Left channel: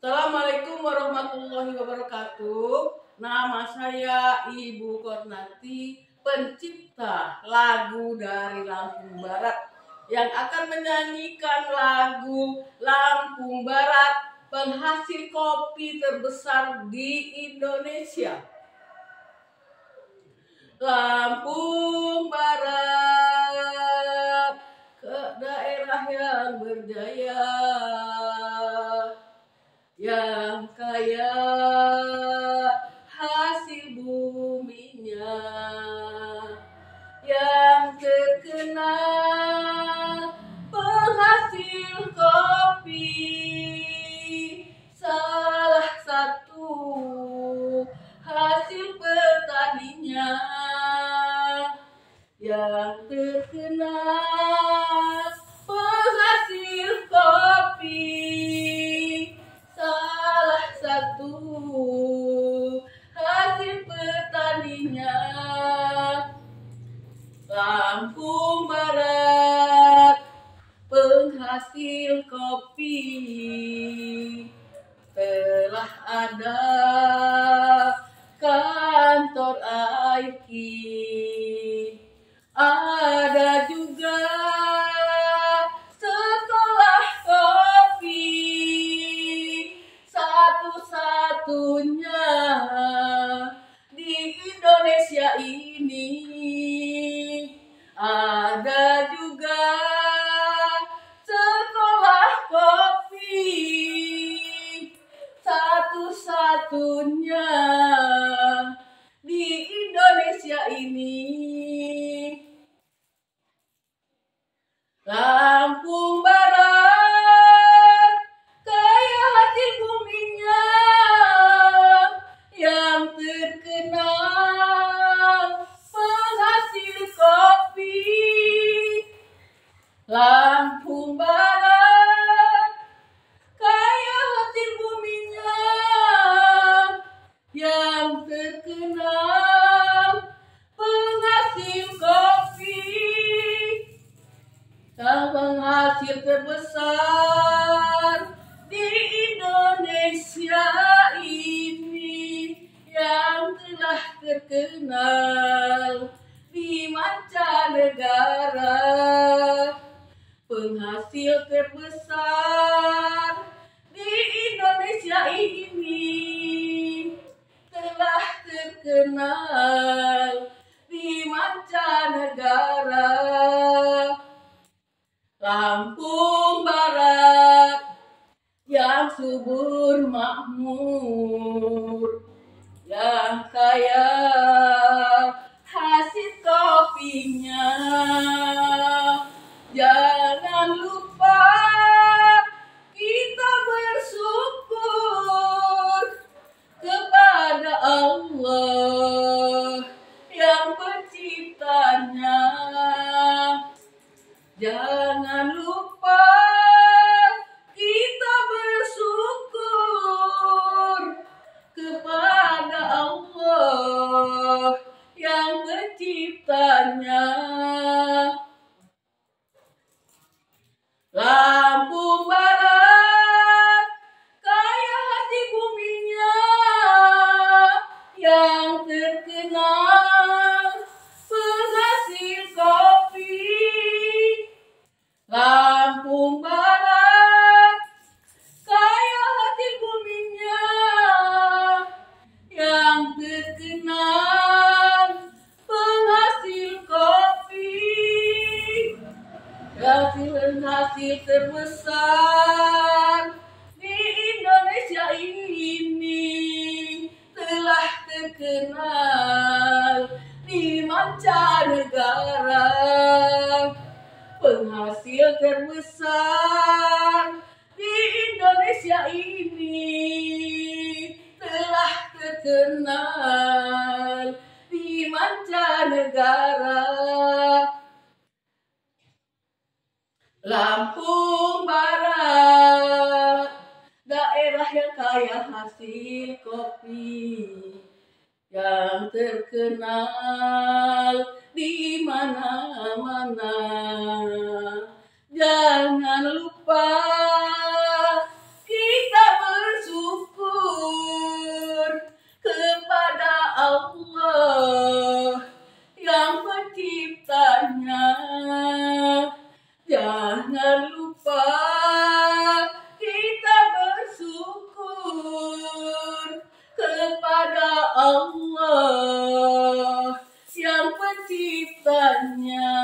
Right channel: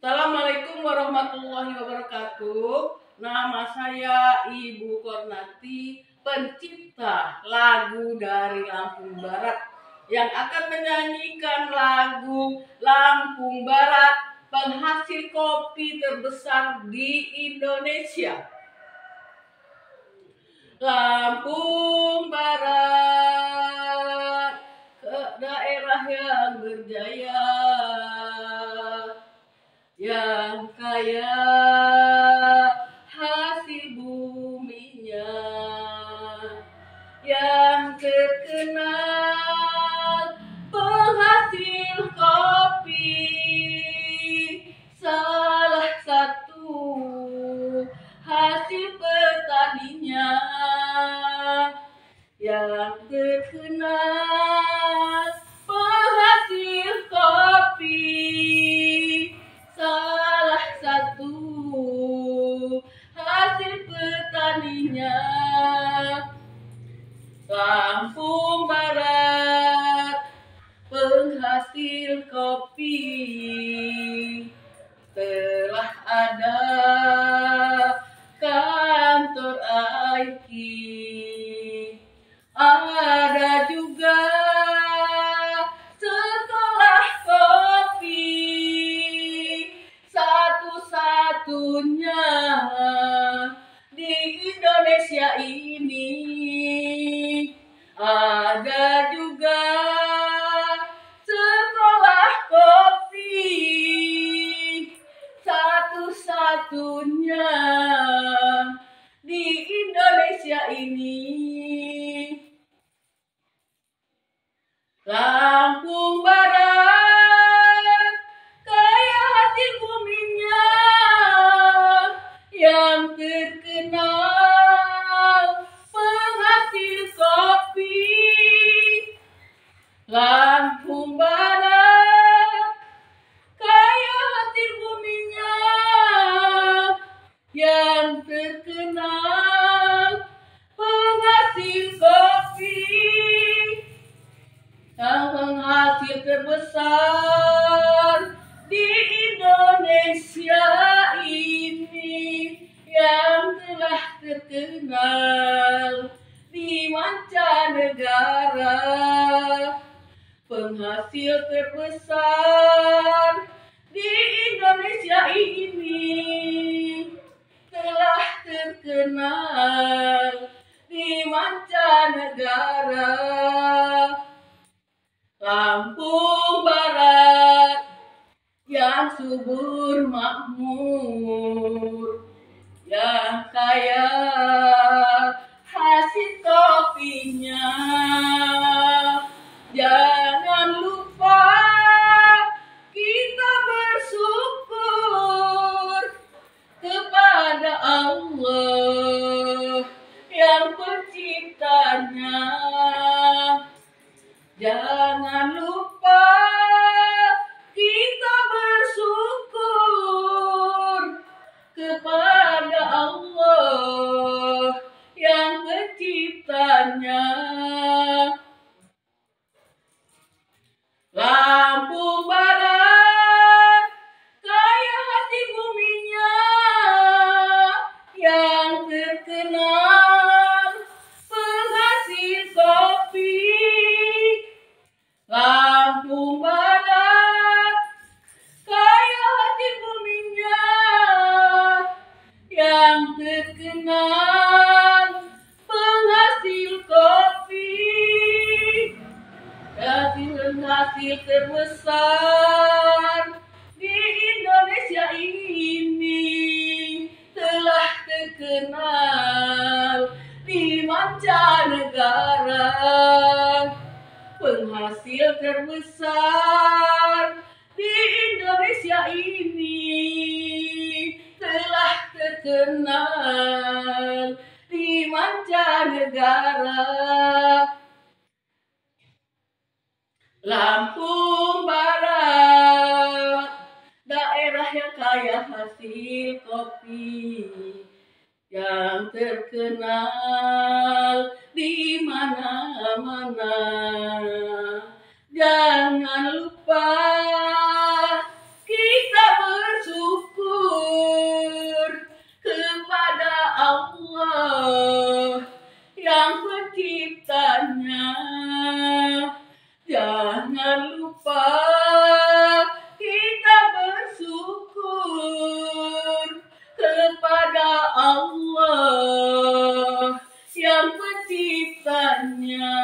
Assalamualaikum warahmatullahi wabarakatuh. Nama saya Ibu Kornati, pencipta lagu dari Lampung Barat yang akan menyanyikan lagu Lampung Barat, penghasil kopi terbesar di Indonesia. Lampung Barat, ke daerah yang berjaya, yang kaya hasil buminya, yang terkenal penghasil kopi, salah satu hasil petaninya, yang terkenal penghasil kopi, salah satu hasil petaninya. Lampung Barat, penghasil kopi, telah ada kantor IKI, ada juga sekolah kopi, satu-satunya di Indonesia ini. Ada juga sekolah kopi, satu-satunya di Indonesia ini. Lampung Barat, kaya hasil buminya, yang terkenal penghasil kopi. Lampung Barat, kaya hasil buminya, yang terkenal penghasil kopi, penghasil terbesar di Indonesia ini, yang telah terkenal di mancanegara. Penghasil terbesar di Indonesia ini, telah terkenal di mancanegara. Lampung Barat yang subur makmur, yang kaya hasil kopinya, jangan lupa kita bersyukur kepada Allah yang penciptanya. Jangan lupa kita bersyukur kepada Allah yang penciptanya. Lampung Barat, kaya hasil buminya, yang terkenal penghasil kopi. Lampung Barat, kaya hasil buminya, yang terkenal penghasil kopi, hasil terbesar di Indonesia ini, telah terkenal di mancanegara. Penghasil terbesar di Indonesia ini, telah terkenal di mancanegara. Lampung Barat, daerah yang kaya hasil kopi, yang terkenal di mana-mana. Jangan lupa kita bersyukur penciptanya.